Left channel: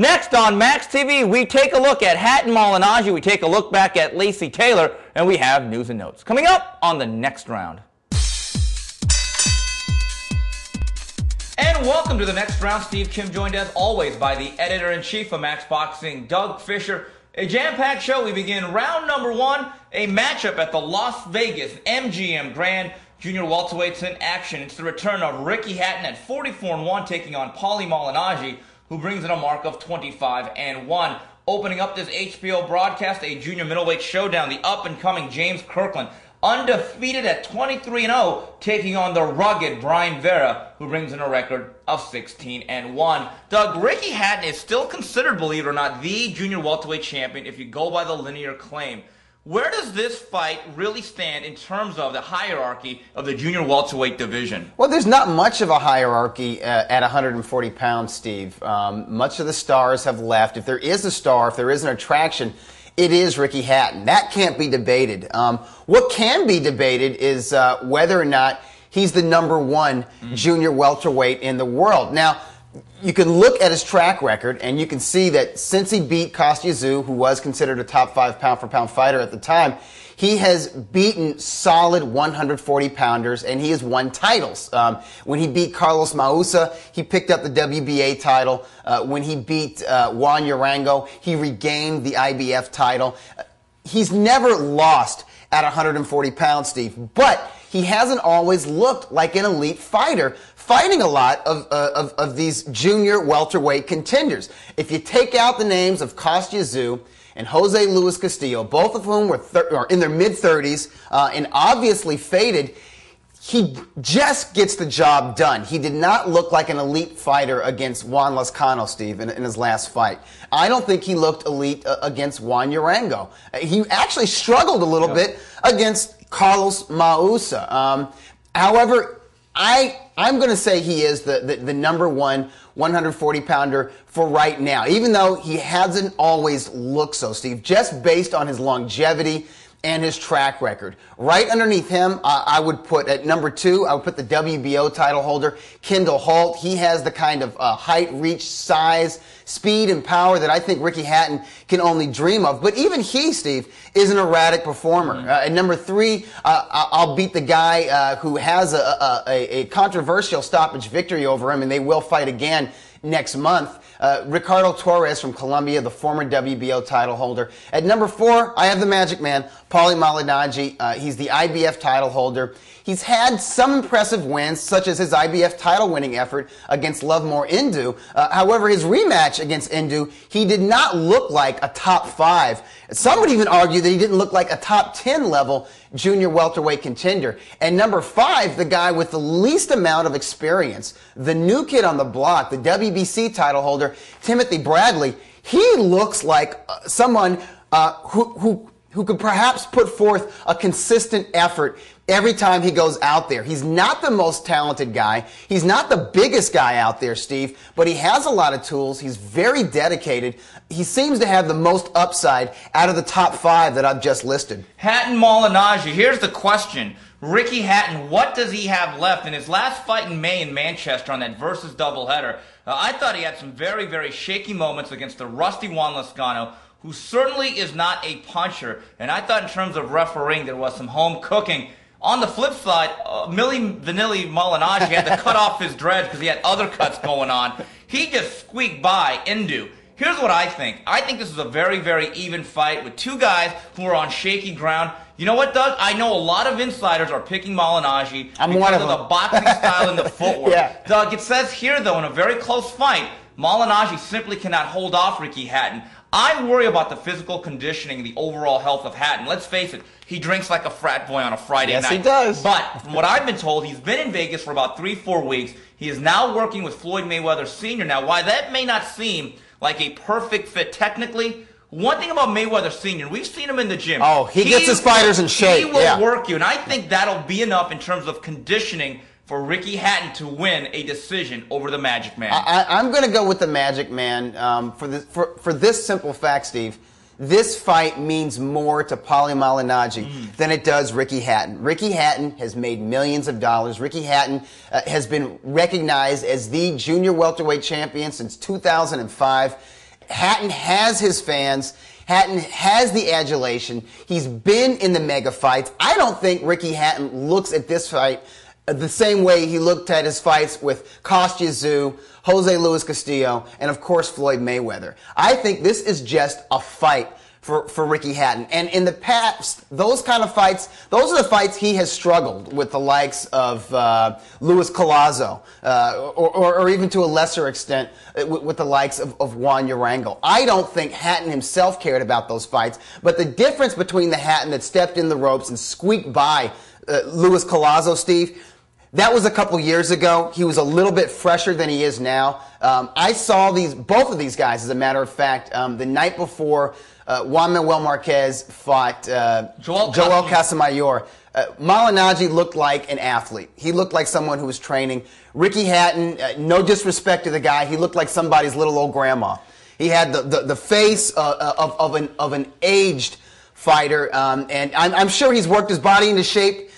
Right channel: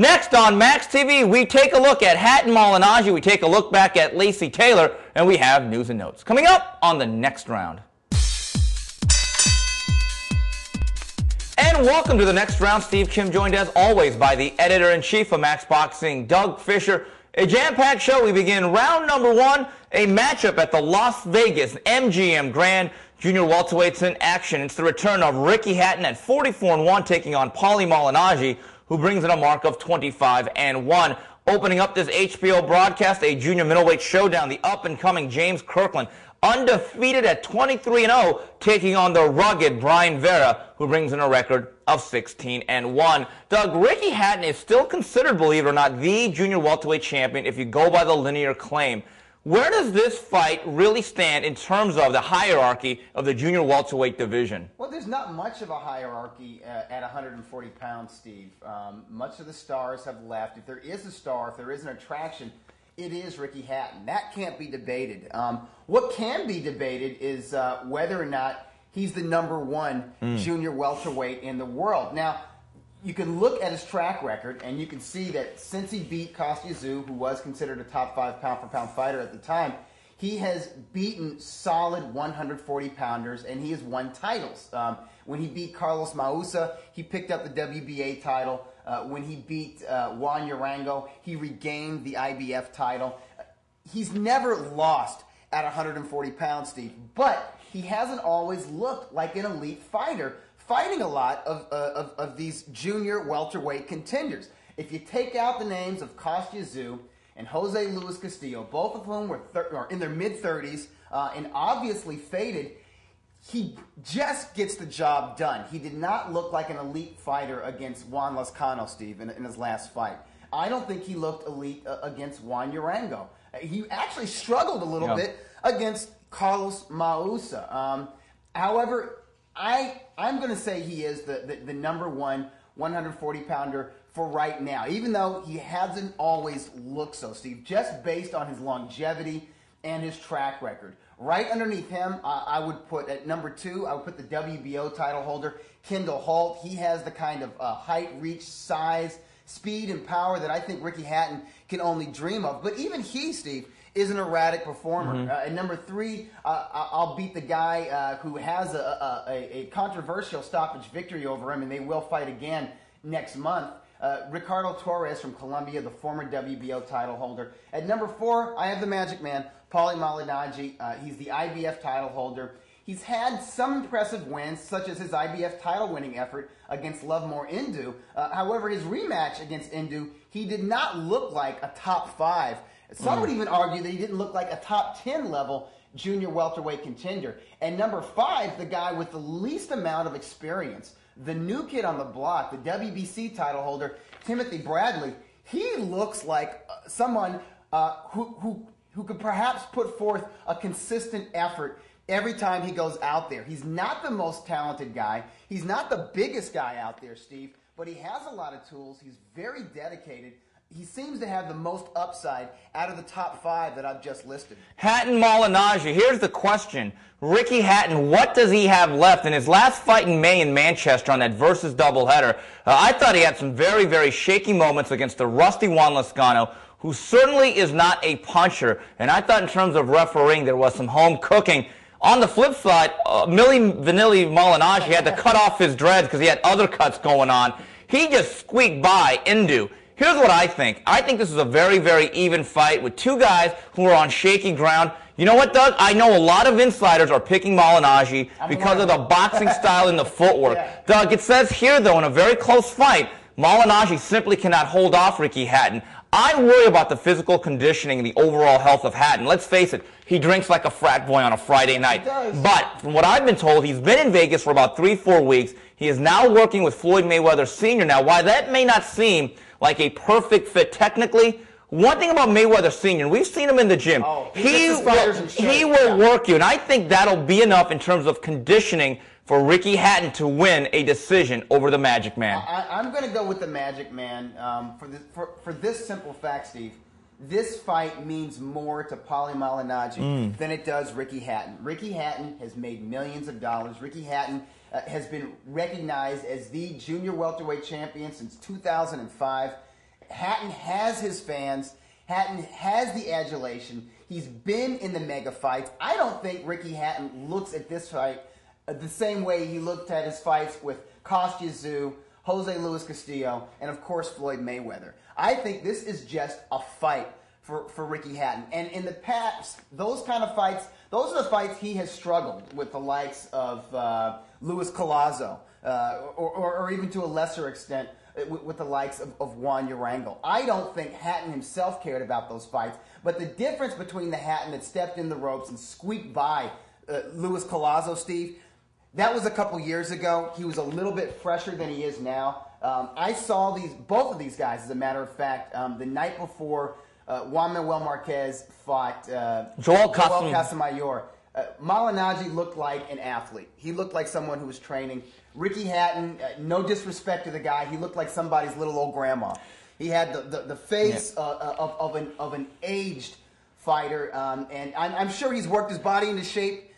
Next on Max TV, we take a look at Hatton Malignaggi, we take a look back at Lacey Taylor, and we have news and notes. Coming up on the next round. And welcome to the next round. Steve Kim joined as always by the editor-in-chief of Max Boxing, Doug Fisher. A jam-packed show. We begin round number one, a matchup at the Las Vegas MGM Grand. Junior welterweights in action. It's the return of Ricky Hatton at 44-1 taking on Malignaggi, who brings in a mark of 25-1. Opening up this HBO broadcast, a junior middleweight showdown, the up-and-coming James Kirkland, undefeated at 23-0, taking on the rugged Brian Vera, who brings in a record of 16-1. Doug, Ricky Hatton is still considered, believe it or not, the junior welterweight champion if you go by the linear claim. Where does this fight really stand in terms of the hierarchy of the junior welterweight division? Well, there's not much of a hierarchy at 140 pounds, Steve. Much of the stars have left. If there is a star, if there is an attraction, it is Ricky Hatton. That can't be debated. What can be debated is whether or not he's the #1 junior welterweight in the world. Now, you can look at his track record, and you can see that since he beat Kostya Tszyu, who was considered a top 5 pound-for-pound fighter at the time, he has beaten solid 140-pounders, and he has won titles. When he beat Carlos Mausa, he picked up the WBA title. When he beat Juan Urango, he regained the IBF title. He's never lost at 140 pounds, Steve, but he hasn't always looked like an elite fighter, fighting a lot of these junior welterweight contenders. If you take out the names of Kostya Tszyu and Jose Luis Castillo, both of whom were in their mid-30s and obviously faded, he just gets the job done. He did not look like an elite fighter against Juan Lezcano, Steve, in his last fight. I don't think he looked elite against Juan Urango. He actually struggled a little bit against Carlos Mausa. However, I'm going to say he is the #1 140-pounder for right now, even though he hasn't always looked so, Steve, just based on his longevity and his track record. Right underneath him, I would put at #2, I would put the WBO title holder, Kendall Holt. He has the kind of height, reach, size, speed, and power that I think Ricky Hatton can only dream of. But even he, Steve, is an erratic performer. At #3, I'll beat the guy who has a controversial stoppage victory over him, and they will fight again next month. Ricardo Torres from Colombia, the former WBO title holder. At #4, I have the Magic Man, Malignaggi. He's the IBF title holder. He's had some impressive wins, such as his IBF title-winning effort against Lovemore Indu. However, his rematch against Indu, he did not look like a top 5. Some would even argue that he didn't look like a top 10 level junior welterweight contender. And #5, the guy with the least amount of experience, the new kid on the block, the WBC title holder, Timothy Bradley. He looks like someone who could perhaps put forth a consistent effort every time he goes out there. He's not the most talented guy. He's not the biggest guy out there, Steve, but he has a lot of tools. He's very dedicated. He seems to have the most upside out of the top 5 that I've just listed. Hatton Malignaggi, here's the question. Ricky Hatton, what does he have left? In his last fight in May in Manchester on that versus doubleheader, I thought he had some very, very shaky moments against the rusty Juan Lezcano, who certainly is not a puncher. And I thought in terms of refereeing, there was some home cooking. On the flip side, Milli Vanilli Malignaggi had to cut off his dreads because he had other cuts going on. He just squeaked by Indu. Here's what I think. I think this is a very, very even fight with two guys who are on shaky ground. You know what, Doug? I know a lot of insiders are picking Malignaggi because of the boxing style and the footwork. Doug, it says here, though, in a very close fight, Malignaggi simply cannot hold off Ricky Hatton. I worry about the physical conditioning and the overall health of Hatton. Let's face it, he drinks like a frat boy on a Friday night. Yes, he does. But from what I've been told, he's been in Vegas for about 3-4 weeks. He is now working with Floyd Mayweather Sr. Now, while that may not seem like a perfect fit technically, one thing about Mayweather Sr., we've seen him in the gym. Oh, he gets his fighters in shape. He will work you, and I think that'll be enough in terms of conditioning for Ricky Hatton to win a decision over the Magic Man. I'm going to go with the Magic Man for this simple fact, Steve. This fight means more to Malignaggi than it does Ricky Hatton. Ricky Hatton has made millions of dollars. Ricky Hatton has been recognized as the junior welterweight champion since 2005. Hatton has his fans. Hatton has the adulation. He's been in the mega fights. I don't think Ricky Hatton looks at this fight the same way he looked at his fights with Kostya Tszyu, Jose Luis Castillo, and of course Floyd Mayweather. I think this is just a fight for Ricky Hatton. And in the past, those kind of fights, those are the fights he has struggled with, the likes of Luis Collazo, or even to a lesser extent with the likes of Juan Urango. I don't think Hatton himself cared about those fights, but the difference between the Hatton that stepped in the ropes and squeaked by Luis Collazo, Steve, that was a couple years ago. He was a little bit fresher than he is now. I saw both of these guys, as a matter of fact, the night before Juan Manuel Marquez fought Joel Casamayor. Malignaggi looked like an athlete. He looked like someone who was training. Ricky Hatton, no disrespect to the guy, he looked like somebody's little old grandma. He had the face of an aged fighter, and I'm sure he's worked his body into shape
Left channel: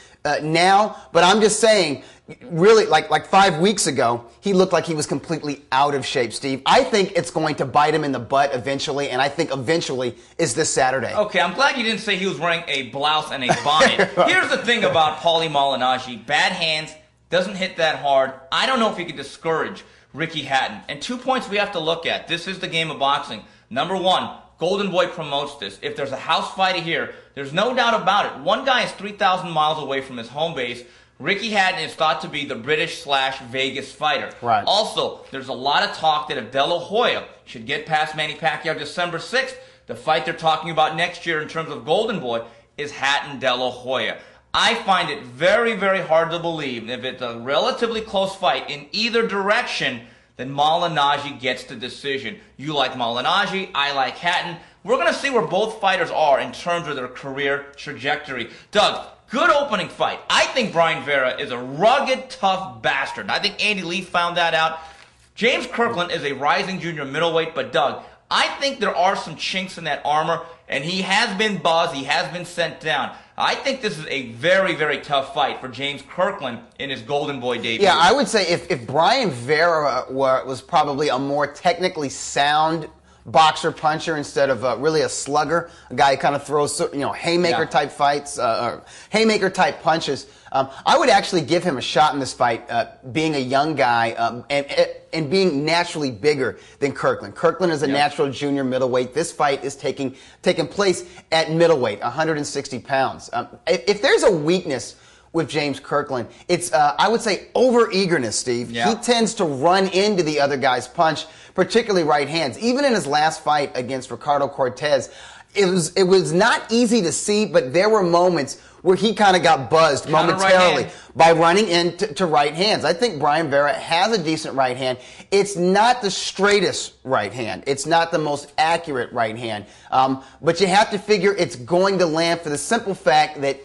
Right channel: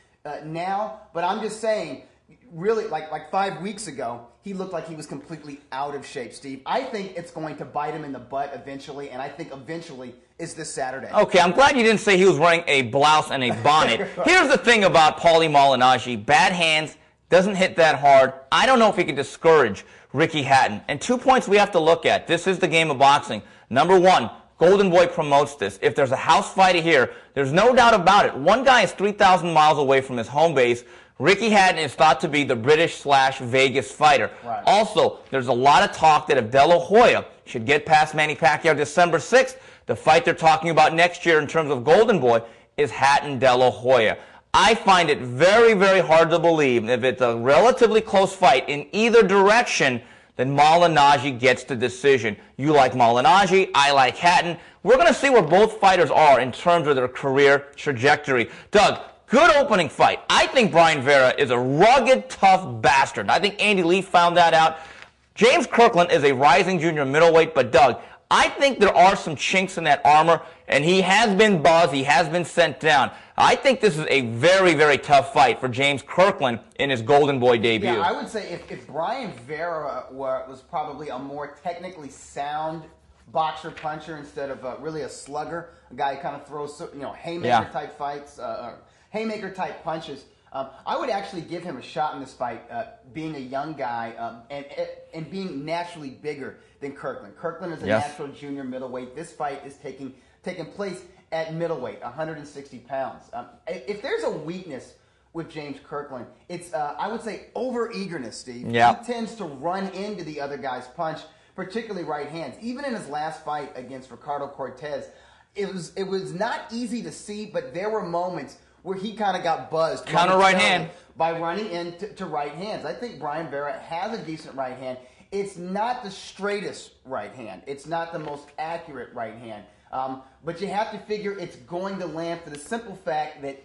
now, but I'm just saying, really, like 5 weeks ago, he looked like he was completely out of shape, Steve. I think it's going to bite him in the butt eventually, and I think eventually is this Saturday. Okay, I'm glad you didn't say he was wearing a blouse and a bonnet. Here's the thing about Paulie Malignaggi. Bad hands, doesn't hit that hard. I don't know if he can discourage Ricky Hatton. And 2 points we have to look at. This is the game of boxing. Number one, Golden Boy promotes this. If there's a house fight here, there's no doubt about it. One guy is 3,000 miles away from his home base. Ricky Hatton is thought to be the British/Vegas fighter. Right. Also, there's a lot of talk that if De La Hoya should get past Manny Pacquiao December 6th, the fight they're talking about next year in terms of Golden Boy is Hatton-De La Hoya. I find it very, very hard to believe if it's a relatively close fight in either direction, then Malignaggi gets the decision. You like Malignaggi, I like Hatton. We're going to see where both fighters are in terms of their career trajectory. Doug, good opening fight. I think Brian Vera is a rugged, tough bastard. I think Andy Lee found that out. James Kirkland is a rising junior middleweight, but Doug, I think there are some chinks in that armor, and he has been buzzed, he has been sent down. I think this is a very, very tough fight for James Kirkland in his Golden Boy debut. Yeah, I would say if Brian Vera was probably a more technically sound boxer puncher instead of really a slugger, a guy who kind of throws, haymaker type fights, haymaker type punches, I would actually give him a shot in this fight, being a young guy and being naturally bigger than Kirkland. Kirkland is a natural junior middleweight. This fight is taking place at middleweight, 160 pounds. If there's a weakness with James Kirkland, it's, I would say, over-eagerness, Steve. Yeah. He tends to run into the other guy's punch, particularly right hands. Even in his last fight against Ricardo Cortez, it was not easy to see, but there were moments where he kind of got buzzed momentarily by running into right hands. I think Brian Vera has a decent right hand. It's not the straightest right hand. It's not the most accurate right hand. But you have to figure it's going to land for the simple fact that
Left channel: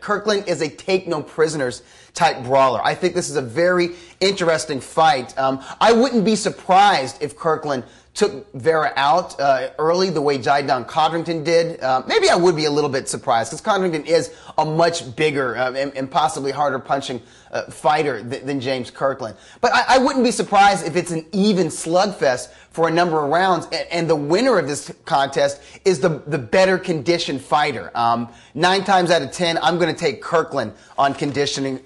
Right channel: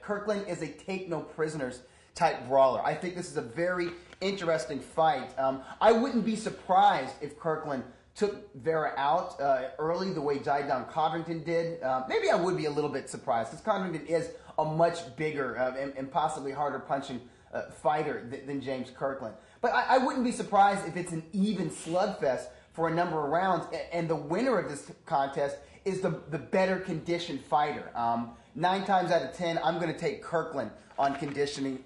Kirkland is a take-no-prisoners type brawler. I think this is a very interesting fight. I wouldn't be surprised if Kirkland took Vera out early the way Jaidan Codrington did. Maybe I would be a little bit surprised because Codrington is a much bigger and possibly harder punching fighter than James Kirkland. But I wouldn't be surprised if it's an even slugfest for a number of rounds, and the winner of this contest is the better conditioned fighter. 9 times out of 10, I'm going to take Kirkland on conditioning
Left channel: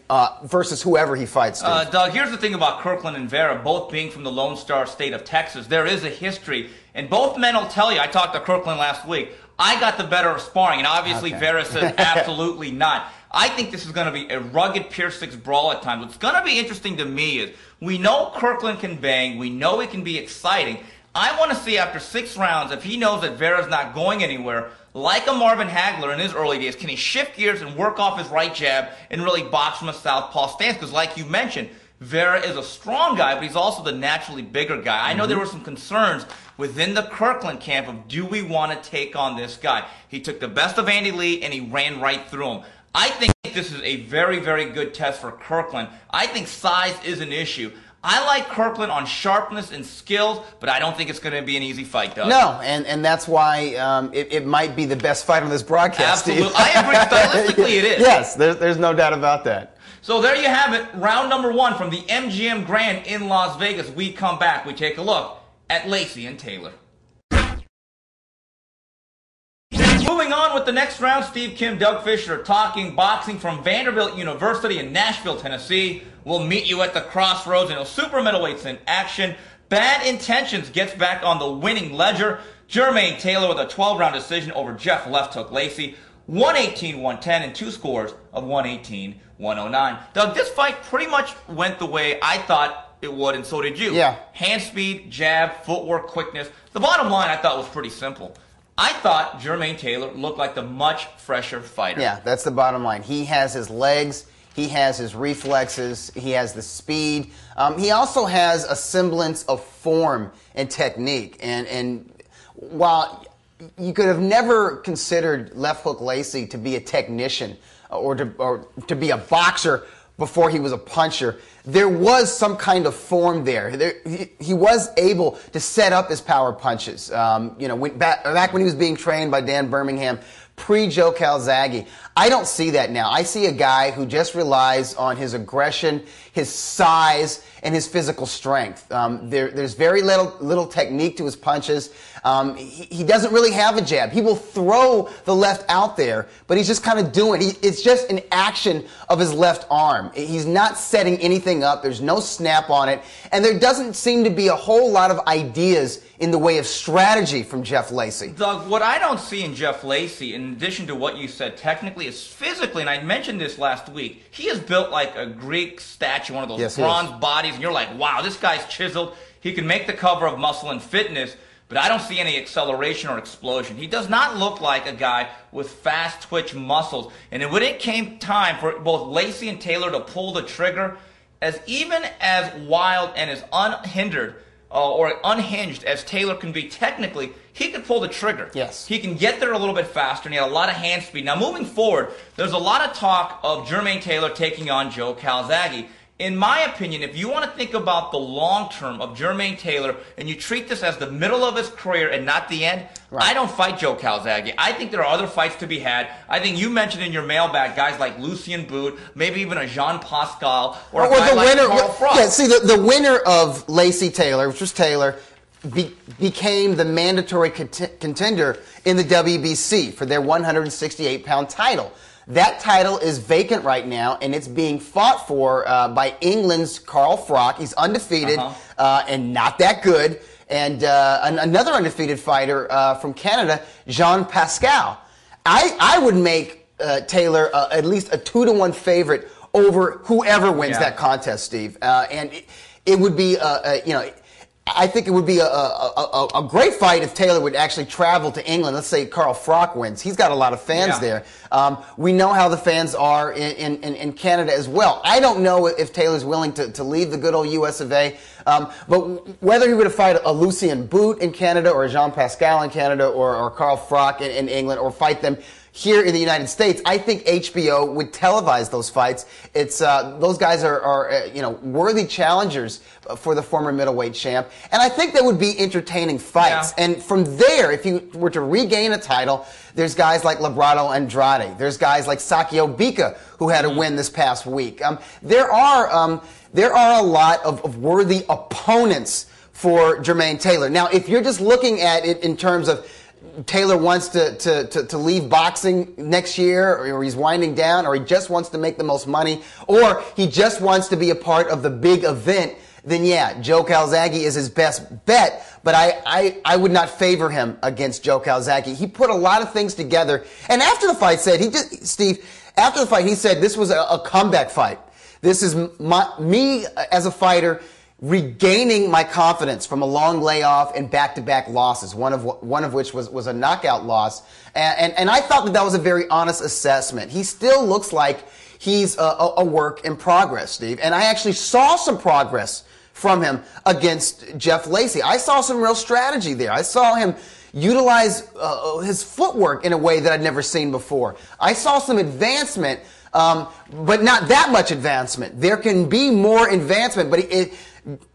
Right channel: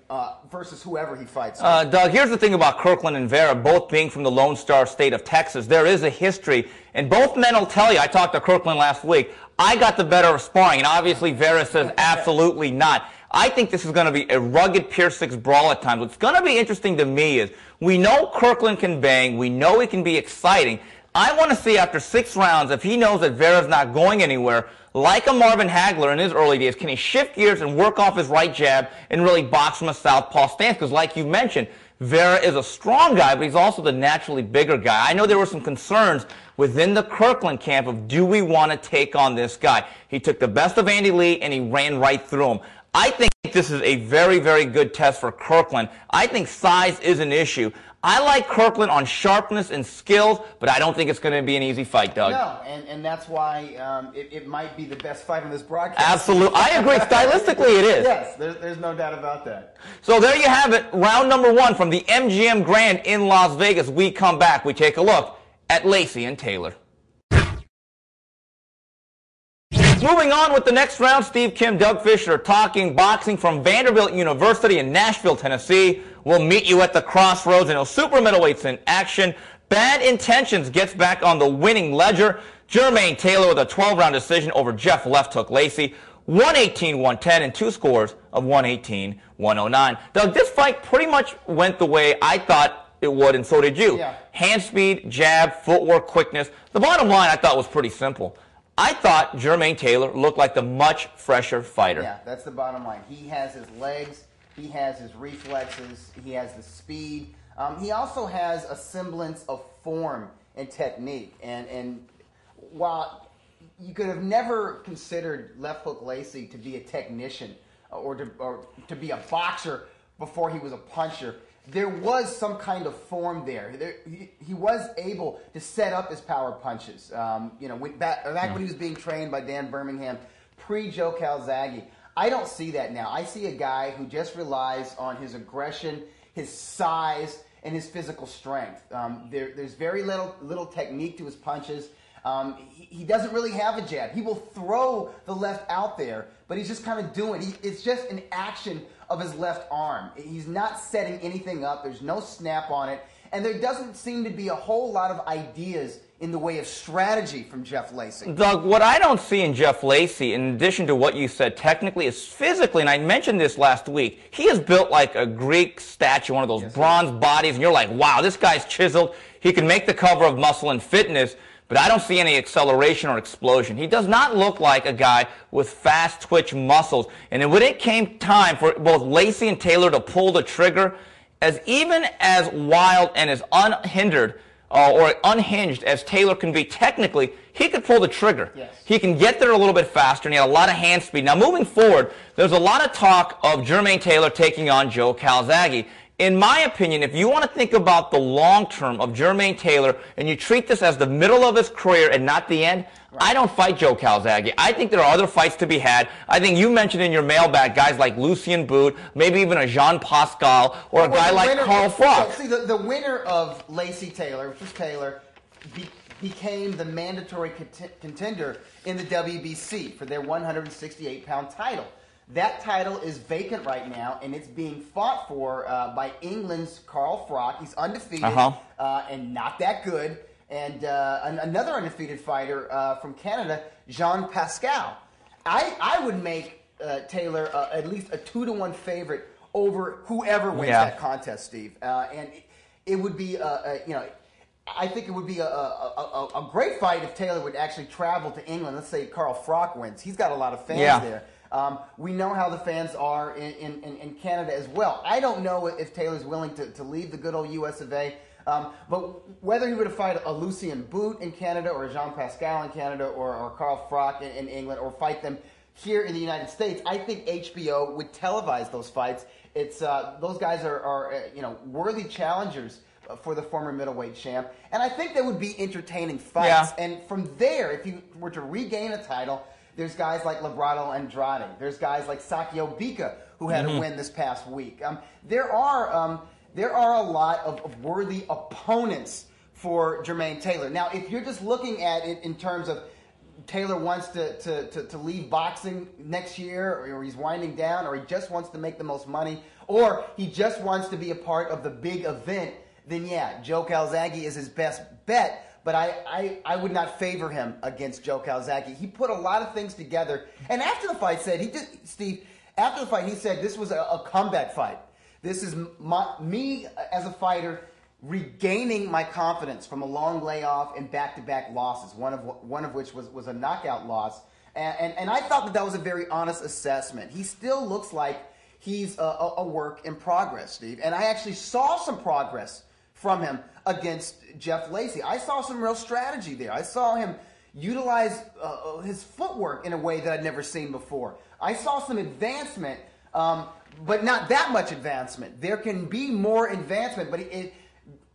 versus whoever he fights. Doug, here's the thing about Kirkland and Vera, both being from the Lone Star State of Texas. There is a history, and both men will tell you, I talked to Kirkland last week, I got the better of sparring, and obviously Vera says absolutely not. I think this is going to be a rugged Pier 6 brawl at times. What's going to be interesting to me is we know Kirkland can bang. We know he can be exciting. I want to see after 6 rounds if he knows that Vera's not going anywhere, like a Marvin Hagler in his early days, can he shift gears and work off his right jab and really box from a southpaw stance? Because like you mentioned, Vera is a strong guy, but he's also the naturally bigger guy. I know there were some concerns within the Kirkland camp of, do we want to take on this guy? He took the best of Andy Lee and he ran right through him. I think this is a very, very good test for Kirkland. I think size is an issue. I like Kirkland on sharpness and skills, but I don't think it's going to be an easy fight, Doug. No, and that's why it might be the best fight on this broadcast. Absolutely. I agree. Stylistically, it is. Yes, there's no doubt about that. So there you have it. Round number 1 from the MGM Grand in Las Vegas. We come back. We take a look at Lacey and Taylor. Continuing on with the next round, Steve Kim, Doug Fisher talking boxing from Vanderbilt University in Nashville, Tennessee. We'll meet you at the crossroads, and super middleweights in action. Bad Intentions gets back on the winning ledger. Jermaine Taylor with a 12-round decision over Jeff Left Hook Lacey. 118-110 and 2 scores of 118-109. Doug, this fight pretty much went the way I thought it would, and so did you. Yeah. Hand speed, jab, footwork, quickness. The bottom line I thought was pretty simple. I thought Jermaine Taylor looked like the much fresher fighter. Yeah, that's the bottom line. He has his legs, he has his reflexes, he has the speed. He also has a semblance of form and technique. And while you could have never considered Left Hook Lacey to be a technician or to be a boxer before he was a puncher, there was some kind of form there. He was able to set up his power punches. Back when he was being trained by Dan Birmingham, pre-Joe Calzaghe. I don't see that now. I see a guy who just relies on his aggression, his size, and his physical strength. There's very little technique to his punches. He doesn't really have a jab. He will throw the left out there, but he's just kind of doing it. It's just an action of his left arm. He's not setting anything up. There's no snap on it. And there doesn't seem to be a whole lot of ideas in the way of strategy from Jeff Lacey. Doug, what I don't see in Jeff Lacey, in addition to what you said technically, is physically, and I mentioned this last week, he is built like a Greek statue, one of those bronze bodies, and you're like, wow, this guy's chiseled. He can make the cover of Muscle and Fitness, but I don't see any acceleration or explosion. He does not look like a guy with fast twitch muscles. And then when it came time for both Lacey and Taylor to pull the trigger, even as wild and as unhindered or unhinged as Taylor can be technically, he could pull the trigger. Yes. He can get there a little bit faster, and he had a lot of hand speed. Now, moving forward, there's a lot of talk of Jermaine Taylor taking on Joe Calzaghe. In my opinion, if you want to think about the long term of Jermaine Taylor and you treat this as the middle of his career and not the end, right, I don't fight Joe Calzaghe. I think there are other fights to be had. I think you mentioned in your mailbag guys like Lucien Boot, maybe even a Jean Pascal, or a guy like Carl Frost. Yeah, see, the winner of Lacey Taylor, which was Taylor, became the mandatory contender in the WBC for their 168-pound title. That title is vacant right now, and it's being fought for by England's Carl Frost. He's undefeated and not that good. And another undefeated fighter from Canada, Jean Pascal. I would make Taylor at least a 2-to-1 favorite over whoever wins that contest, Steve. And it would be, I think it would be a great fight if Taylor would actually travel to England. Let's say Carl Frost wins. He's got a lot of fans there. We know how the fans are in Canada as well. I don't know if Taylor's willing to leave the good old US of A. But whether he were to fight a Lucien Boot in Canada or a Jean Pascal in Canada or Carl Frost in England or fight them here in the United States, I think HBO would televise those fights. It's those guys are worthy challengers for the former middleweight champ, and I think that would be entertaining fights. Yeah. And from there, if you were to regain a title, there's guys like Labrado Andrade. There's guys like Sakio Bika who had a win this past week. There are a lot of worthy opponents for Jermaine Taylor. Now, if you're just looking at it in terms of Taylor wants to leave boxing next year, or he's winding down, or he just wants to make the most money, or he just wants to be a part of the big event, then yeah, Joe Calzaghe is his best bet, but I would not favor him against Joe Calzaghe. He put a lot of things together, and after the fight said, after the fight he said this was a comeback fight. This is me as a fighter regaining my confidence from a long layoff and back-to-back losses, one of which was a knockout loss. And I thought that was a very honest assessment. He still looks like he's a work in progress, Steve. And I actually saw some progress from him against Jeff Lacey. I saw some real strategy there. I saw him utilize his footwork in a way that I'd never seen before. I saw some advancement, but not that much advancement. There can be more advancement, but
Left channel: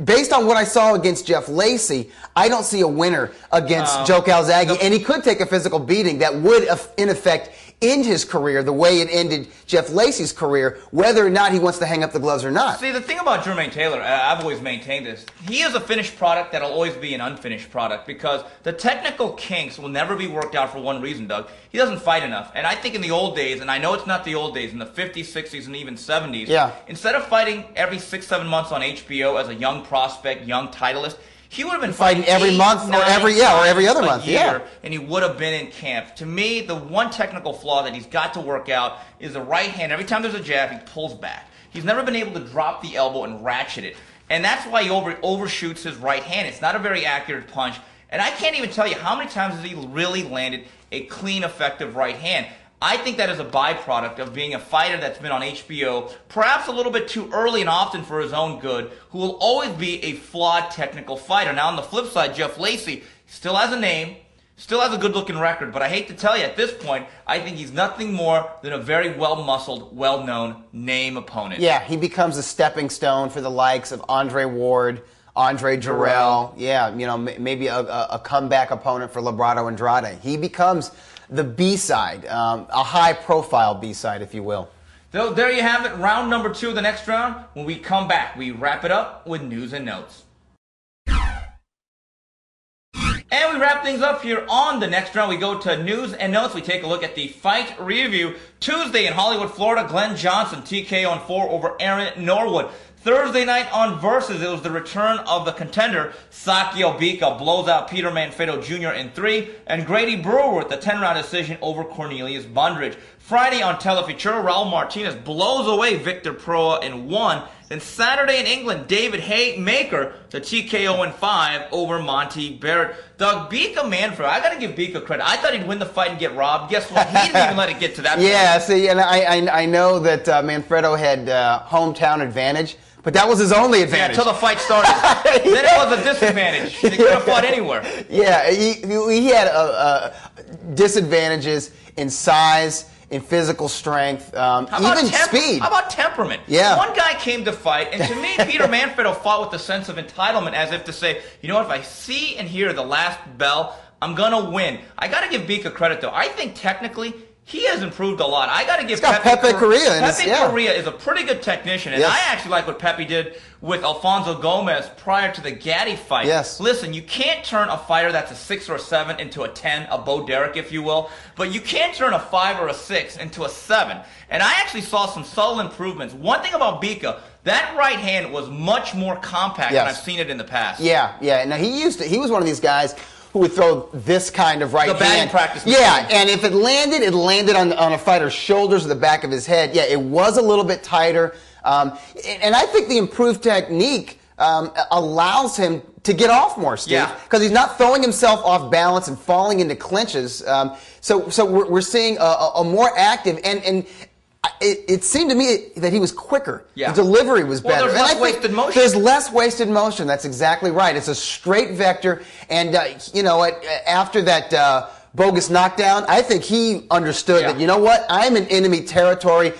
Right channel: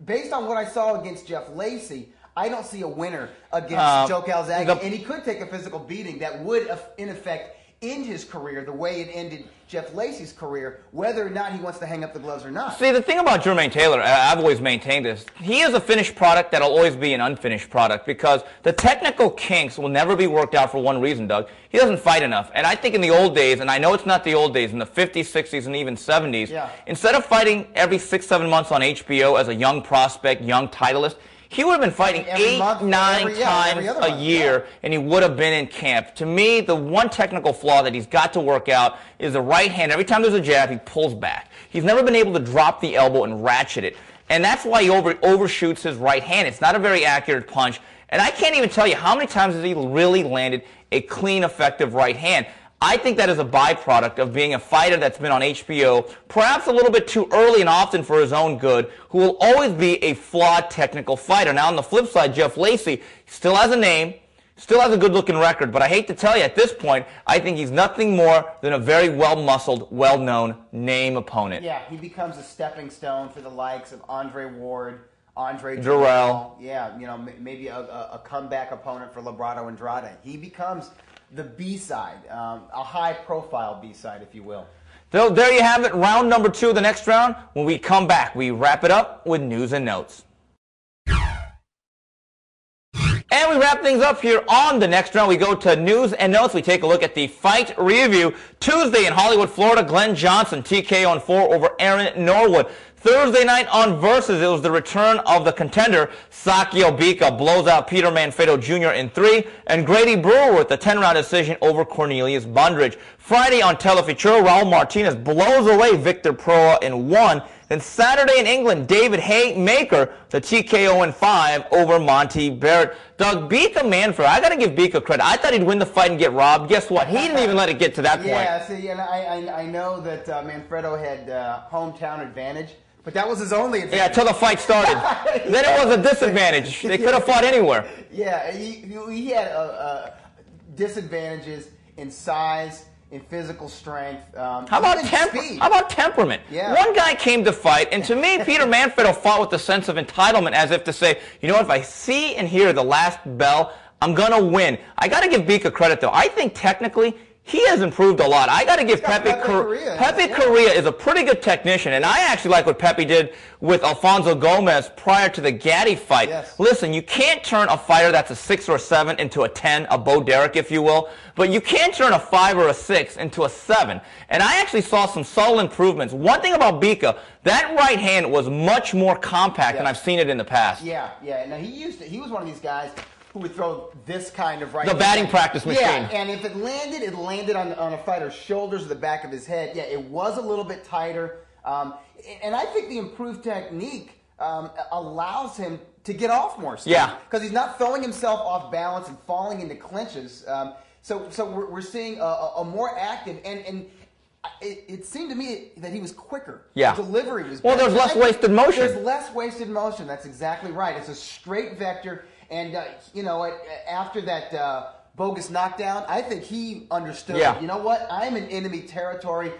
based on what I saw against Jeff Lacey, I don't see a winner against Joe Calzaghe, and he could take a physical beating that would, in effect, end his career the way it ended Jeff Lacey's career, whether or not he wants to hang up the gloves or not. See, the thing about Jermaine Taylor, I've always maintained this, he is a finished product that'll always be an unfinished product because the technical kinks will never be worked out for one reason, Doug. He doesn't fight enough. And I think in the old days, and I know it's not the old days, in the 50s, 60s, and even 70s, instead of fighting every 6-7 months on HBO as a young prospect, young titleist, he would have been fighting every month, or every other month, year, and he would have been in camp. To me, the one technical flaw that he's got to work out is the right hand. Every time there's a jab, he pulls back. He's never been able to drop the elbow and ratchet it, and that's why he overshoots his right hand. It's not a very accurate punch, and I can't even tell you how many times has he really landed a clean, effective right hand. I think that is a byproduct of being a fighter that's been on HBO, perhaps a little bit too early and often for his own good, who will always be a flawed technical fighter. Now, on the flip side, Jeff Lacey still has a name, still has a good-looking record, but I hate to tell you, at this point, I think he's nothing more than a very well-muscled, well-known name opponent. Yeah, he becomes a stepping stone for the likes of Andre Ward, Andre Jarrell. Yeah, you know, maybe a comeback opponent for Labrado Andrade. He becomes the B-side, a high-profile B-side, if you will. So there you have it, round number 2 of the next round. When we come back, we wrap it up with news and notes. And we wrap things up here on the next round. We go to news and notes. We take a look at the fight review. Tuesday in Hollywood, Florida, Glenn Johnson, TKO on 4 over Aaron Norwood. Thursday night on Versus, it was the return of the contender. Sakio Bika blows out Peter Manfredo Jr. in 3, and Grady Brewer with the 10-round decision over Cornelius Bundridge. Friday on Telefutura, Raul Martinez blows away Victor Proa in 1. Then Saturday in England, David Haye Maker, the TKO in 5 over Monty Barrett. Doug, Bika Manfredo, I got to give Bika credit. I thought he'd win the fight and get robbed. Guess what? He didn't even let it get to that point. Yeah, see, and I know that Manfredo had hometown advantage, but that was his only advantage. Yeah, until the fight started. Then it was a disadvantage. They could have fought anywhere. Yeah, he had disadvantages in size, in physical strength, even speed. How about temperament? Yeah. One guy came to fight, and to me, Peter Manfredo fought with a sense of entitlement, as if to say, you know what, if I see and hear the last bell, I'm going to win. I got to give Bika credit, though. I think technically, he has improved a lot. I got to give Pepe Correa. Pepe Correa is a pretty good technician, and I actually like what Pepe did with Alfonso Gomez prior to the Gatti fight. Yes. Listen, you can't turn a fighter that's a 6 or 7 into a 10, a Bo Derek, if you will, but you can turn a 5 or a 6 into a 7. And I actually saw some subtle improvements. One thing about Bika, that right hand was much more compact than I've seen it in the past. Yeah. Now he was one of these guys who would throw this kind of right hand. The batting practice machine. Yeah, and if it landed on a fighter's shoulders or the back of his head. Yeah, it was a little bit tighter. And I think the improved technique allows him to get off more, Steve. Yeah. Because he's not throwing himself off balance and falling into clinches. So we're seeing a more active and it seemed to me that he was quicker. Yeah. The delivery was better. Well, there's less wasted motion. There's less wasted motion. That's exactly right. It's a straight vector. And, you know, after that bogus knockdown, I think he understood that, you know what, I'm in enemy territory.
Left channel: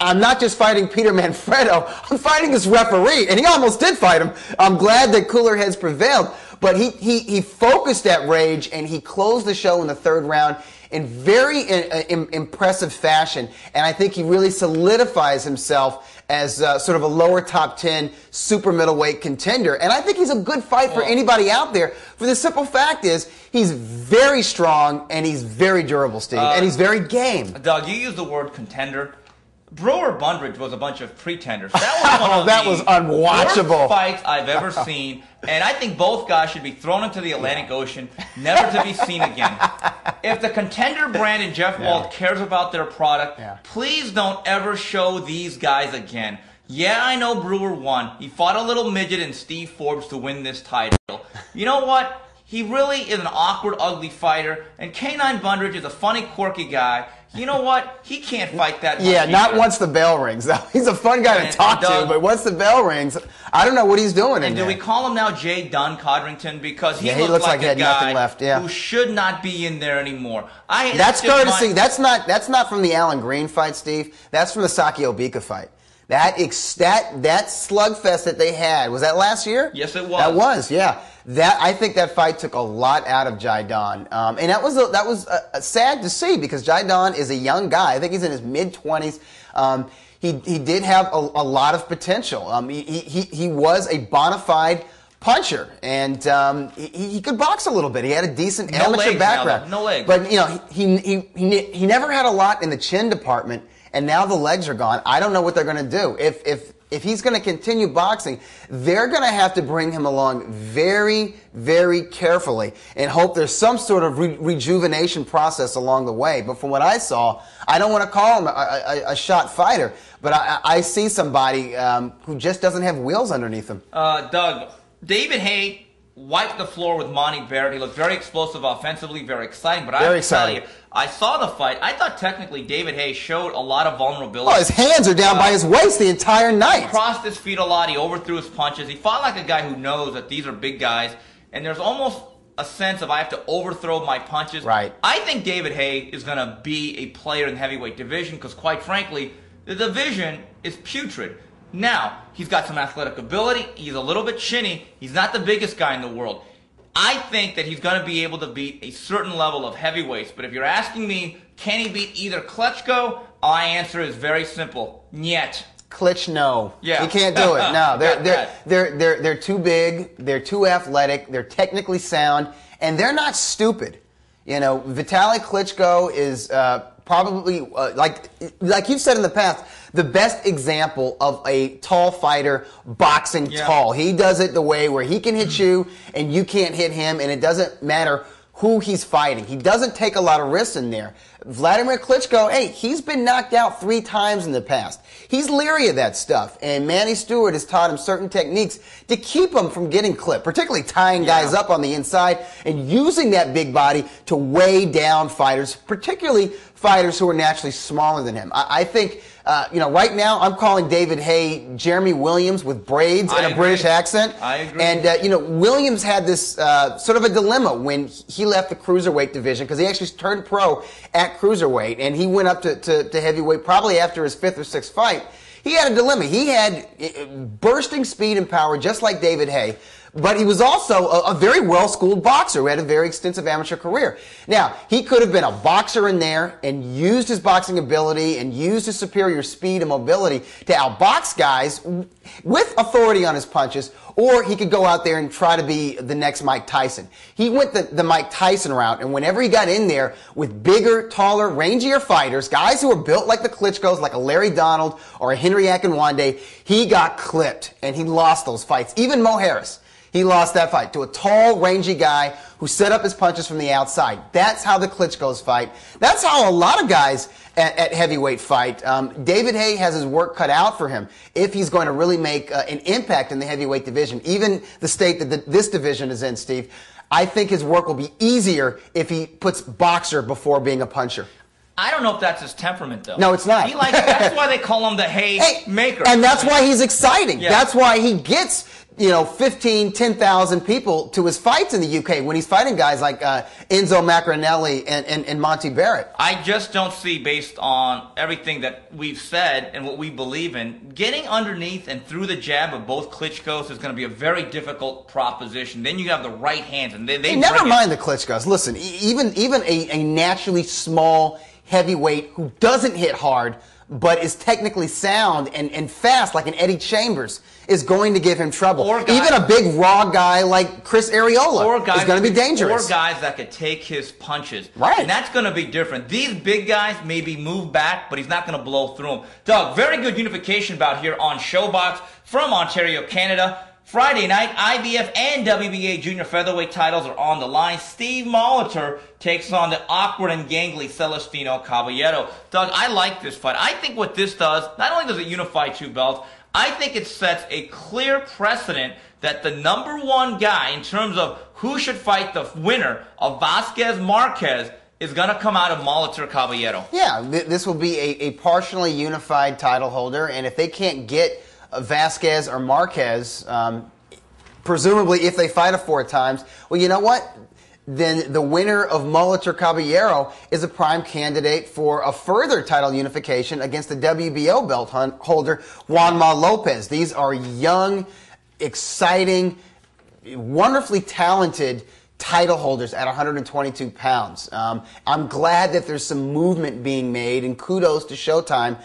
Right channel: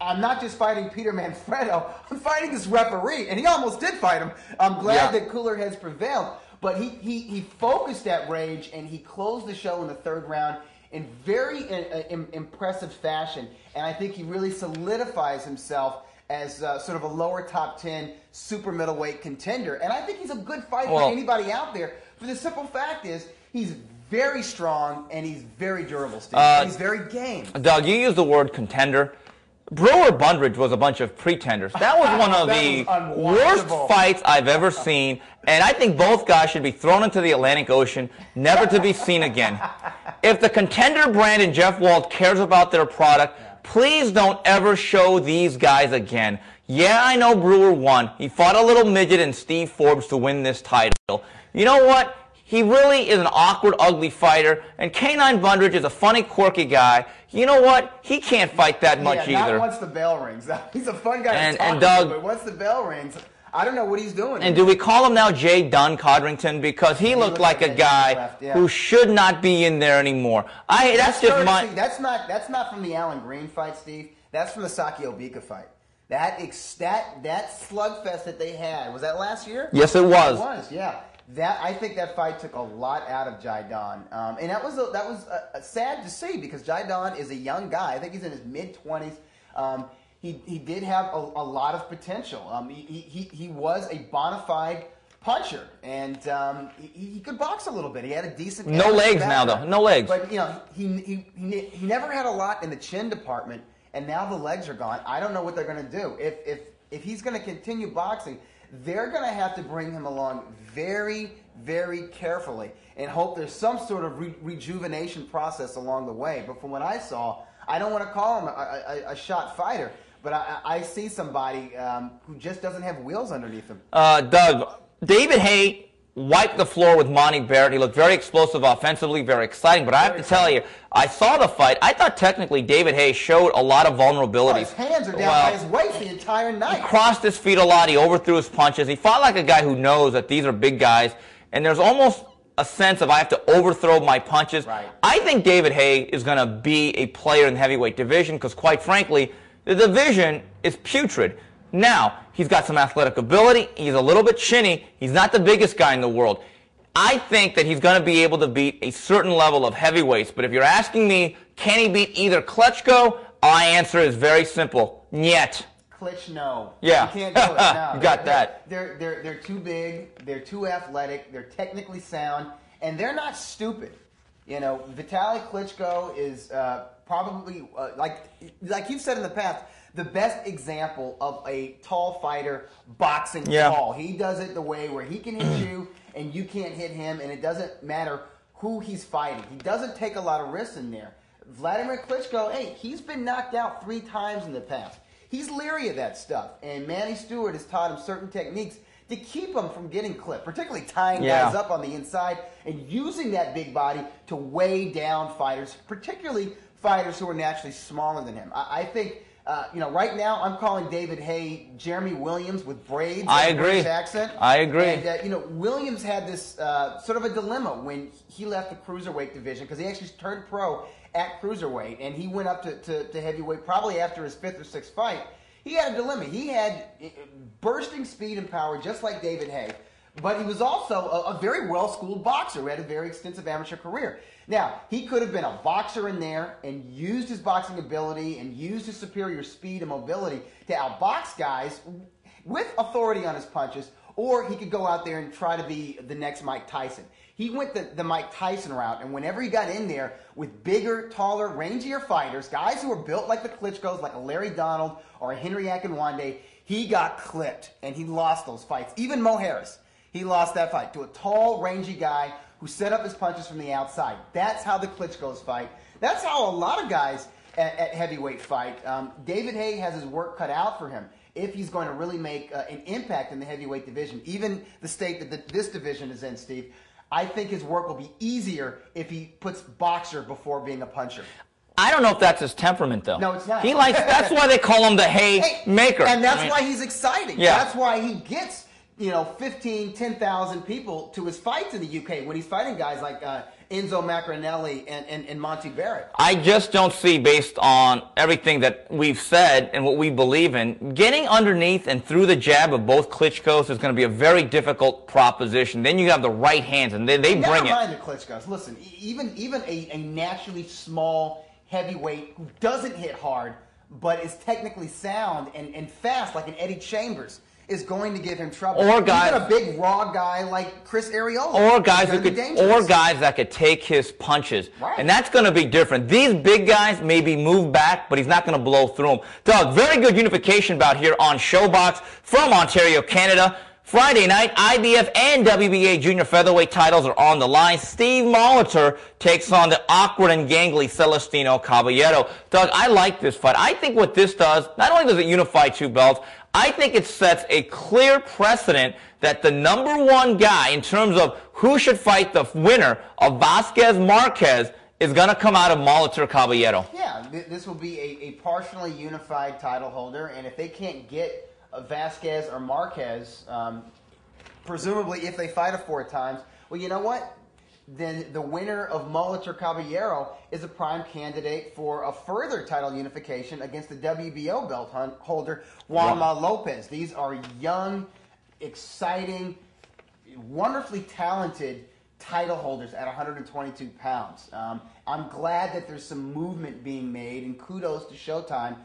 I'm not just fighting Peter Manfredo. I'm fighting this referee. And he almost did fight him. I'm glad that cooler heads prevailed. But he focused that rage, and he closed the show in the 3rd round in very impressive fashion, and I think he really solidifies himself as sort of a lower top 10 super middleweight contender. And I think he's a good fight for anybody out there. For the simple fact is, he's very strong and he's very durable, Steve, and he's very game. Doug, you used the word contender. Brewer Bundridge was a bunch of pretenders. That was one of that was unwatchable worst fights I've ever seen, and I think both guys should be thrown into the Atlantic Ocean, never to be seen again. If the contender brand and Jeff Wald cares about their product, please don't ever show these guys again. Yeah, I know Brewer won. He fought a little midget in Steve Forbes to win this title. You know what? He really is an awkward, ugly fighter, and K9 Bundridge is a funny, quirky guy. You know what? He can't fight that much either. Not once the bell rings. He's a fun guy to talk to, but once the bell rings, I don't know what he's doing. And do we call him now Jay Dunn Codrington? Because he looks like a guy who should not be in there anymore. That's courtesy. That's not from the Alan Green fight, Steve. That's from the Sakio Bika fight. That slugfest that they had, was that last year? Yes, it was. That was, yeah. I think that fight took a lot out of Jaidon, and that was sad to see because Jaidon is a young guy. I think he's in his mid-20s. He did have a lot of potential. He was a bona fide puncher, and he could box a little bit. He had a decent amateur background. No legs. But he never had a lot in the chin department, and now the legs are gone. I don't know what they're going to do. If he's going to continue boxing, they're going to have to bring him along very, very carefully and hope there's some sort of rejuvenation process along the way. But from what I saw, I don't want to call him a shot fighter, but I see somebody who just doesn't have wheels underneath him. Doug, David Haye wiped the floor with Monty Barrett. He looked very explosive offensively, very exciting. But I have to tell you, I saw the fight. I thought technically David Haye showed a lot of vulnerability. Oh, his hands are down by his waist the entire night. He crossed his feet a lot. He overthrew his punches. He fought like a guy who knows that these are big guys. And there's almost a sense of I have to overthrow my punches. Right. I think David Haye is going to be a player in the heavyweight division because, quite frankly, the division is putrid. Now, he's got some athletic ability. He's a little bit chinny. He's not the biggest guy in the world. I think that he's going to be able to beat a certain level of heavyweights. But if you're asking me, can he beat either Klitschko? My answer is very simple. Niet. Klitsch, no. Yeah. You can't do it. No. They're too big. They're too athletic. They're technically sound. And they're not stupid. You know, Vitaly Klitschko is probably, like you've said in the past, the best example of a tall fighter boxing tall. He does it the way where he can hit you and you can't hit him, and it doesn't matter who he's fighting. He doesn't take a lot of risks in there. Vladimir Klitschko, hey, he's been knocked out 3 times in the past. He's leery of that stuff, and Manny Stewart has taught him certain techniques to keep him from getting clipped, particularly tying guys up on the inside and using that big body to weigh down fighters, particularly fighters who are naturally smaller than him. I think, right now I'm calling David Haye Jeremy Williams with braids and a British accent. I agree. And, Williams had this sort of a dilemma when he left the cruiserweight division because he actually turned pro at cruiserweight, and he went up to heavyweight probably after his 5th or 6th fight. He had a dilemma. He had bursting speed and power just like David Haye, but he was also a very well-schooled boxer who had a very extensive amateur career. Now, he could have been a boxer in there and used his boxing ability and used his superior speed and mobility to outbox guys with authority on his punches, or he could go out there and try to be the next Mike Tyson. He went the Mike Tyson route, and whenever he got in there with bigger, taller, rangier fighters, guys who were built like the Klitschkos, like a Larry Donald or a Henry Akinwande, he got clipped, and he lost those fights. Even Mo Harris. He lost that fight to a tall, rangy guy who set up his punches from the outside. That's how the Klitschkos fight. That's how a lot of guys at heavyweight fight. David Haye has his work cut out for him if he's going to really make an impact in the heavyweight division. Even the state that this division is in, Steve, I think his work will be easier if he puts boxer before being a puncher. I don't know if that's his temperament, though. No, it's not. That's why they call him the Haye maker. And that's why he's exciting. Yeah. That's why he gets 15, 10,000 people to his fights in the UK when he's fighting guys like Enzo Maccarinelli and Monty Barrett. I just don't see, based on everything that we've said and what we believe in, getting underneath and through the jab of both Klitschkos is going to be a very difficult proposition. Then you have the right hands, and they never mind the Klitschkos. Listen, even a naturally small heavyweight who doesn't hit hard but is technically sound and fast like an Eddie Chambers is going to give him trouble. Even a big raw guy like Chris Arreola is going to be dangerous. Or guys that could take his punches. Right. And that's going to be different. These big guys maybe move back, but he's not going to blow through them. Doug, very good unification bout here on ShowBox from Ontario, Canada. Friday night, IBF and WBA junior featherweight titles are on the line. Steve Molitor takes on the awkward and gangly Celestino Caballero. Doug, I like this fight. I think what this does, not only does it unify 2 belts, I think it sets a clear precedent that the #1 guy in terms of who should fight the winner of Vasquez-Marquez is going to come out of Molitor Caballero. Yeah, this will be a partially unified title holder, and if they can't get Vasquez or Marquez, presumably if they fight a 4 times, well, you know what? Then the winner of Molitor Caballero is a prime candidate for a further title unification against the WBO belt holder, Juanma Lopez. These are young, exciting, wonderfully talented title holders at 122 pounds. I'm glad that there's some movement being made, and kudos to Showtime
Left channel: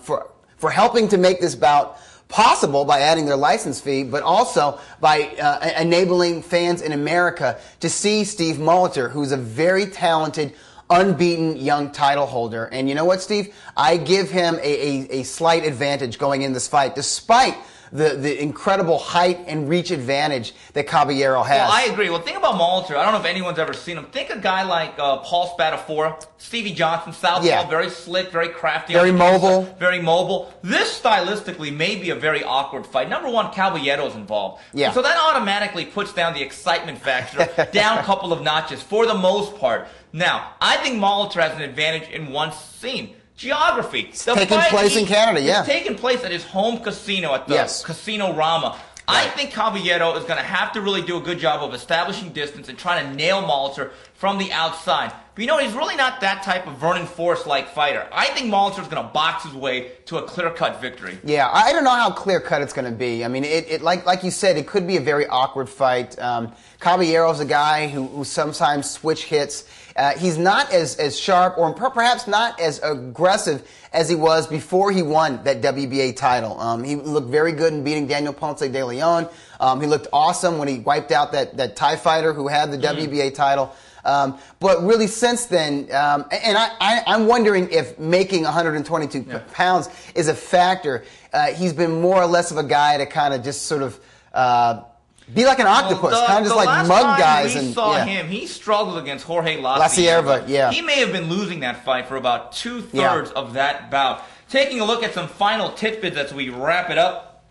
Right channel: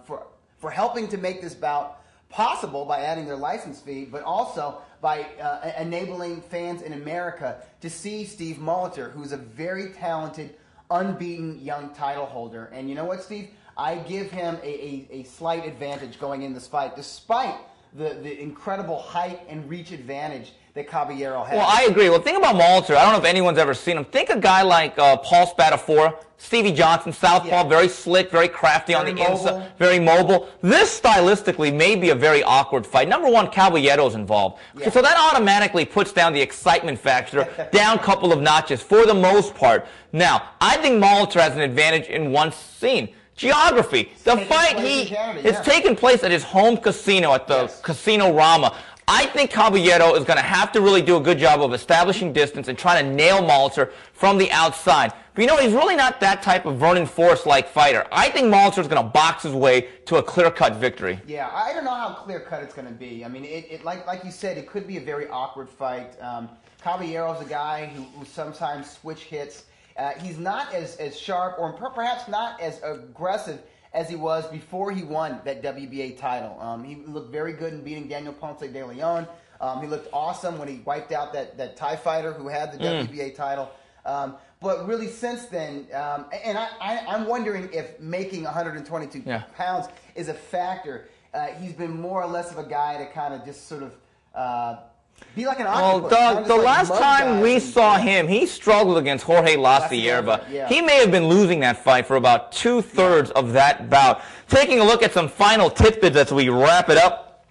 for helping to make this bout possible by adding their license fee, but also by enabling fans in America to see Steve Molitor, who's a very talented, unbeaten young title holder. And you know what, Steve? I give him a slight advantage going in this fight, despite the incredible height and reach advantage that Caballero has. Well, I agree. Well, think about Molitor. I don't know if anyone's ever seen him. Think a guy like Paul Spadafora, Stevie Johnson, southpaw, very slick, very crafty, very mobile. Very mobile. This stylistically may be a very awkward fight. Number one, Caballero's involved. Yeah. So that automatically puts down the excitement factor down a couple of notches for the most part. Now, I think Molitor has an advantage in one scene. Geography. It's taking place in Canada, yeah. It's taking place at his home casino at the Yes. Casino Rama. I think Caballero is going to have to really do a good job of establishing distance and trying to nail Molitor from the outside. But you know, he's really not that type of Vernon Forrest-like fighter. I think Molitor is going to box his way to a clear-cut victory. Yeah, I don't know how clear-cut it's going to be. I mean, like you said, it could be a very awkward fight. Caballero's a guy who sometimes switch hits. He's not as sharp or perhaps not as aggressive as he was before he won that WBA title. He looked very good in beating Daniel Ponce de Leon. He looked awesome when he wiped out that Thai fighter who had the WBA title. But really since then, and I'm wondering if making 122 pounds is a factor. He's been more or less of a guy to kind of just sort of be like an octopus, kind of just like mug guys. The last time we saw him, he struggled against Jorge La Cierva. He may have been losing that fight for about two-thirds of that bout. Taking a look at some final tidbits as we wrap it up.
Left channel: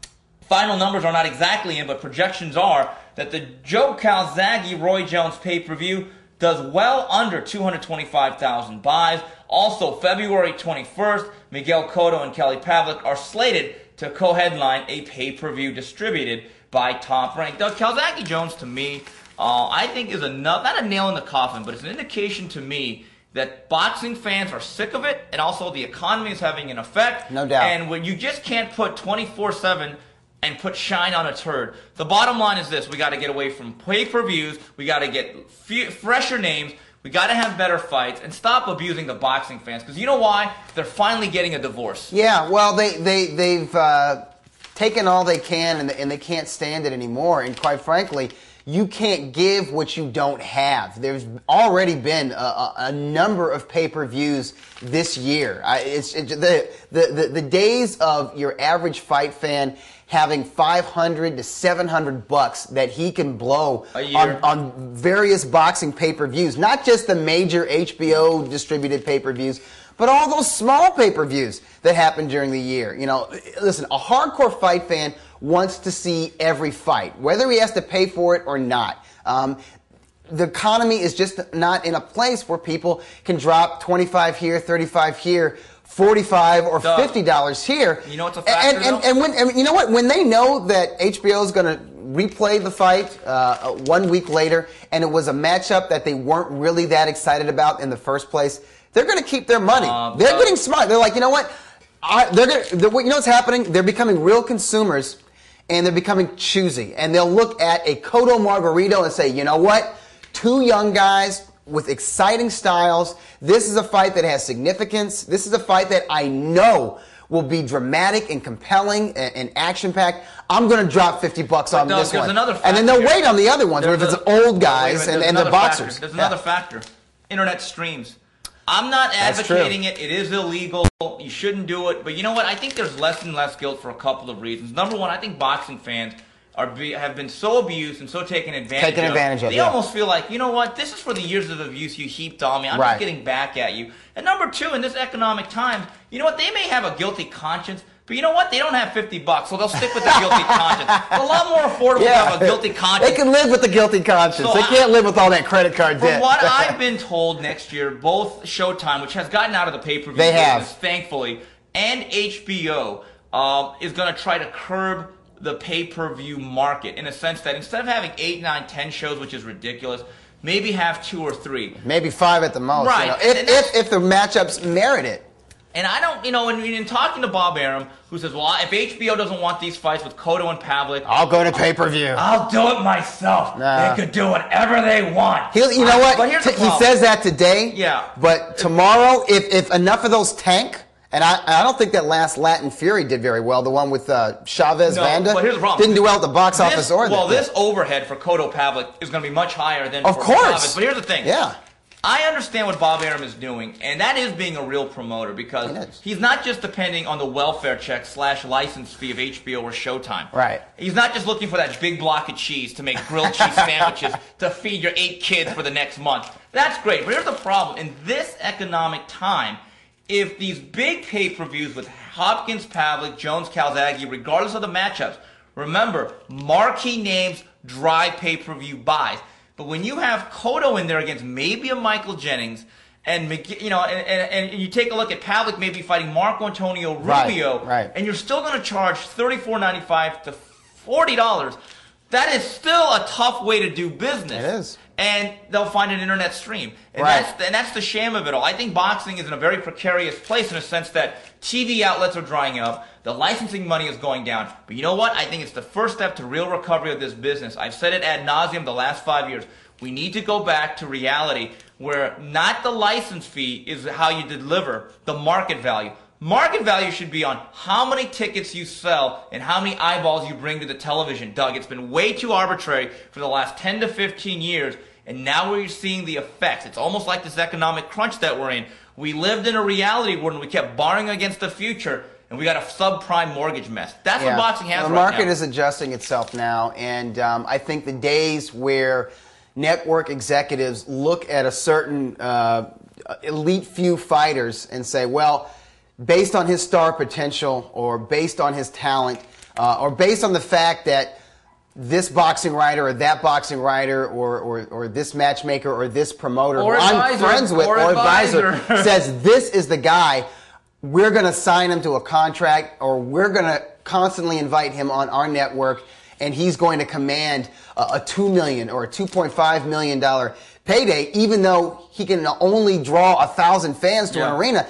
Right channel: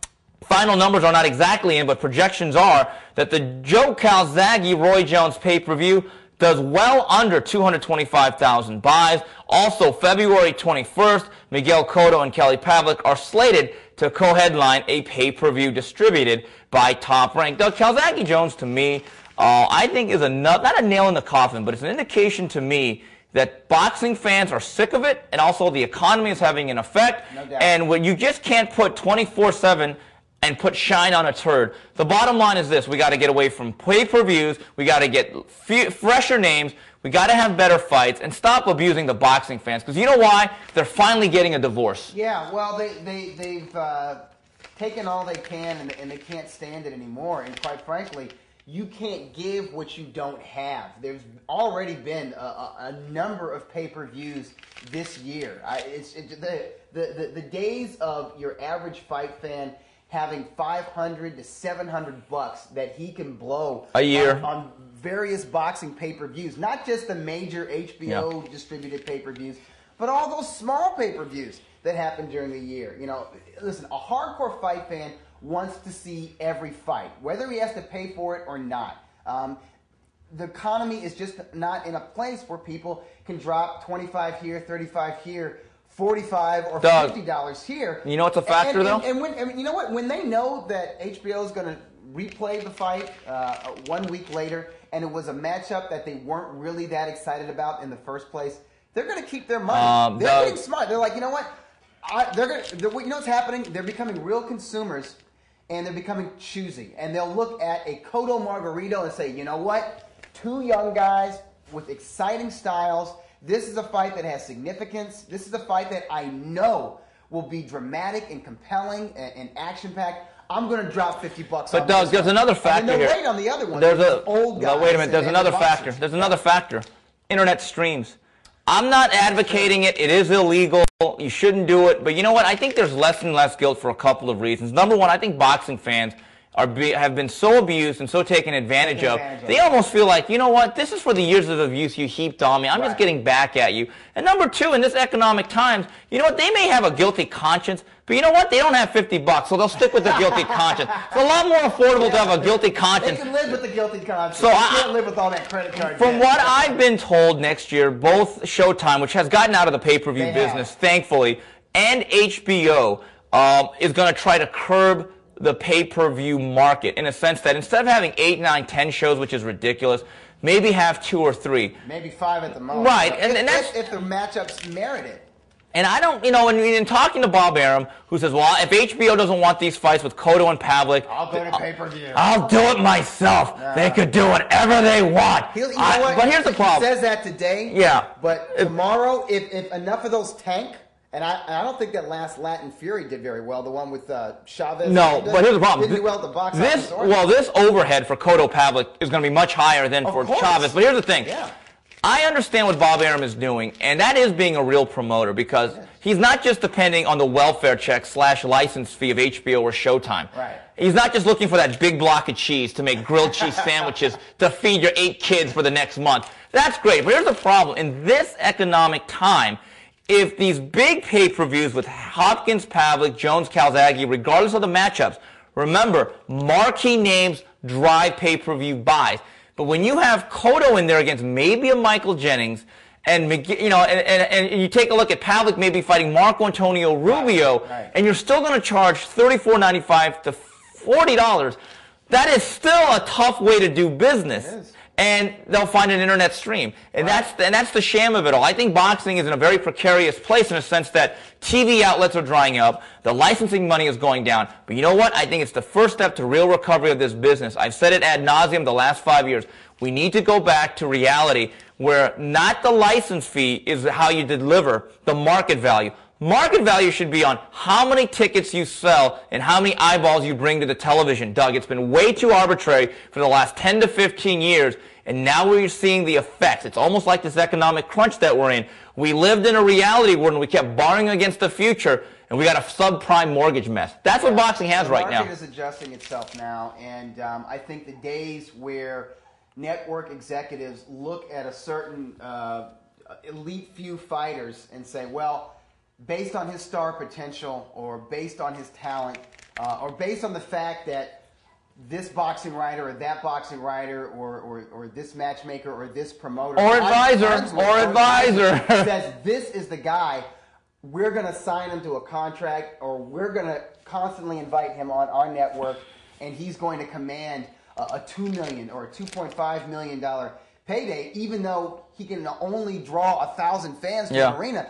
Final numbers are not exactly in, but projections are that the Joe Calzaghe-Roy Jones pay-per-view does well under 225,000 buys. Also, February 21st, Miguel Cotto and Kelly Pavlik are slated to co-headline a pay-per-view distributed by Top Rank. Doug, Calzaghe-Jones, to me, I think is not a nail in the coffin, but it's an indication to me that boxing fans are sick of it, and also the economy is having an effect. No doubt. And when you just can't put 24/7 and put shine on a turd. The bottom line is this: we got to get away from pay-per-views. We got to get fresher names. We got to have better fights and stop abusing the boxing fans. Because you know why? They're finally getting a divorce. Yeah, well, they've taken all they can, and they can't stand it anymore. And quite frankly, you can't give what you don't have. There's already been a number of pay-per-views this year. The days of your average fight fan having $500 to $700 that he can blow a year on various boxing pay-per-views, not just the major HBO distributed pay-per-views, but all those small pay-per-views that happen during the year. You know, listen, a hardcore fight fan wants to see every fight, whether he has to pay for it or not. The economy is just not in a place where people can drop 25 here, 35 here, $45 or $50 here. You know what's a factor, though? And you know what? When they know that HBO is going to replay the fight 1 week later, and it was a matchup that they weren't really that excited about in the first place, they're going to keep their money. They're getting smart. They're like, you know what? You know what's happening? They're becoming real consumers, and they're becoming choosy. And they'll look at a Cotto Margarito and say, you know what? Two young guys with exciting styles. This is a fight that has significance. This is a fight that I know will be dramatic and compelling and action-packed. I'm going to drop $50 on this one. There's another factor. And then they'll wait on the other ones because it's old guys and the boxers. There's another factor. Internet streams. I'm not advocating it. It is illegal. You shouldn't do it. But you know what? I think there's less and less guilt for a couple of reasons. Number one, I think boxing fans have been so abused and so taken advantage of. They almost feel like, you know what, this is for the years of abuse you heaped on me. I'm just getting back at you. And number two, in this economic times, you know what, they may have a guilty conscience, but you know what, they don't have $50, so they'll stick with the guilty conscience. It's a lot more affordable to have a guilty conscience. They can live with the guilty conscience. So they can't live with all that credit card debt. From what I've been told, next year, both Showtime, which has gotten out of the pay-per-view business, thankfully, and HBO is going to try to curb the pay-per-view market in a sense that instead of having 8, 9, 10 shows, which is ridiculous, maybe have 2 or 3. Maybe 5 at the most. Right. You know, if the matchups merit it. And I don't, and in talking to Bob Arum, who says, well, if HBO doesn't want these fights with Cotto and Pavlik, I'll go to pay-per-view. I'll do it myself. They could do whatever they want. You know what? But here's the problem. He says that today. Yeah. But tomorrow, if enough of those tank, and I don't think that last Latin Fury did very well, the one with Chavez Vanda. But here's the problem. Didn't do well at the box office or Well, this overhead for Cotto Pavlik is going to be much higher than for Chavez. But here's the thing. Yeah. I understand what Bob Arum is doing, and that is being a real promoter because he's not just depending on the welfare check / license fee of HBO or Showtime. Right. He's not just looking for that big block of cheese to make grilled cheese sandwiches to feed your 8 kids for the next month. That's great, but here's the problem. In this economic time, if these big pay-per-views with Hopkins, Pavlik, Jones, Calzaghe, regardless of the matchups, remember, marquee names drive pay-per-view buys. But when you have Cotto in there against maybe a Michael Jennings, and and you take a look at Pavlik maybe fighting Marco Antonio Rubio, and you're still going to charge $34.95 to $40, that is still a tough way to do business. It is. And they'll find an internet stream. And that's the sham of it all. I think boxing is in a very precarious place in a sense that TV outlets are drying up, the licensing money is going down. But you know what? I think it's the first step to real recovery of this business. I've said it ad nauseum the last 5 years. We need to go back to reality where not the license fee is how you deliver the market value. Market value should be on how many tickets you sell and how many eyeballs you bring to the television. Doug, it's been way too arbitrary for the last 10 to 15 years. And now we're seeing the effects. It's almost like this economic crunch that we're in. We lived in a reality where we kept borrowing against the future, and we got a subprime mortgage mess. That's what boxing has right now. The market is adjusting itself now, and I think the days where network executives look at a certain elite few fighters and say, well, based on his star potential or based on his talent or based on the fact that this boxing writer or that boxing writer or this matchmaker or this promoter or I'm friends with or advisor says this is the guy, we're going to sign him to a contract or we're going to constantly invite him on our network and he's going to command a $2 million or a $2.5 million payday even though he can only draw 1,000 fans to an arena.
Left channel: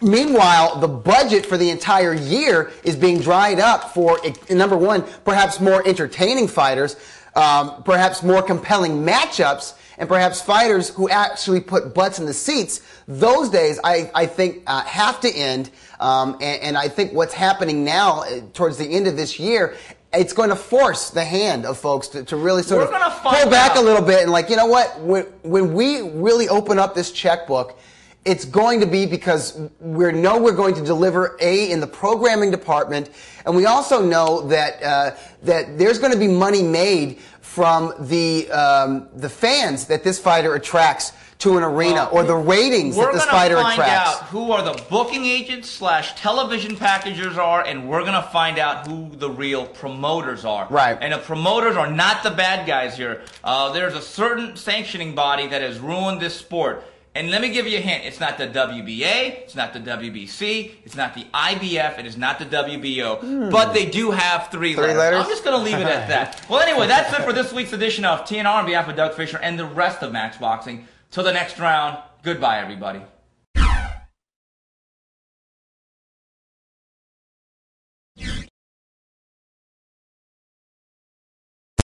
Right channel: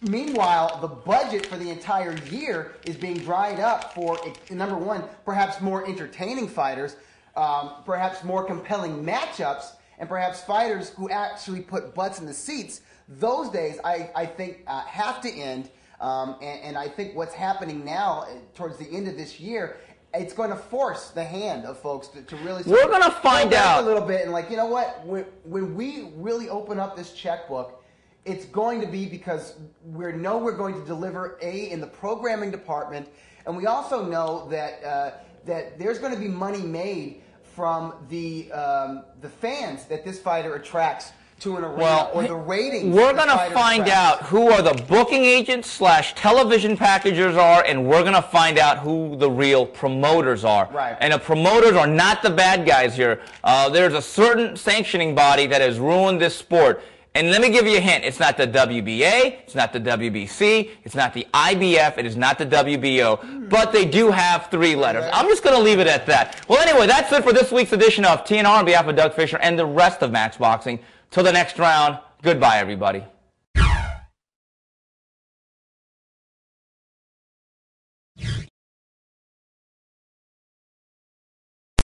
Meanwhile, the budget for the entire year is being dried up for, number one, perhaps more entertaining fighters, perhaps more compelling matchups, and perhaps fighters who actually put butts in the seats. Those days, I think, have to end. And I think what's happening now, towards the end of this year, it's going to force the hand of folks to really sort of pull back a little bit and like, you know what, when we really open up this checkbook, it's going to be because we know we're going to deliver in the programming department, and we also know that that there's going to be money made from the fans that this fighter attracts to an arena or the ratings that this fighter attracts. We're going to find out who are the booking agents / television packagers are, and we're going to find out who the real promoters are. Right. And the promoters are not the bad guys here. There's a certain sanctioning body that has ruined this sport. And let me give you a hint. It's not the WBA, it's not the WBC, it's not the IBF, it is not the WBO. But they do have three letters. I'm just going to leave it at that. Well, anyway, that's it for this week's edition of TNR on behalf of Doug Fisher and the rest of Max Boxing. Till the next round, goodbye, everybody.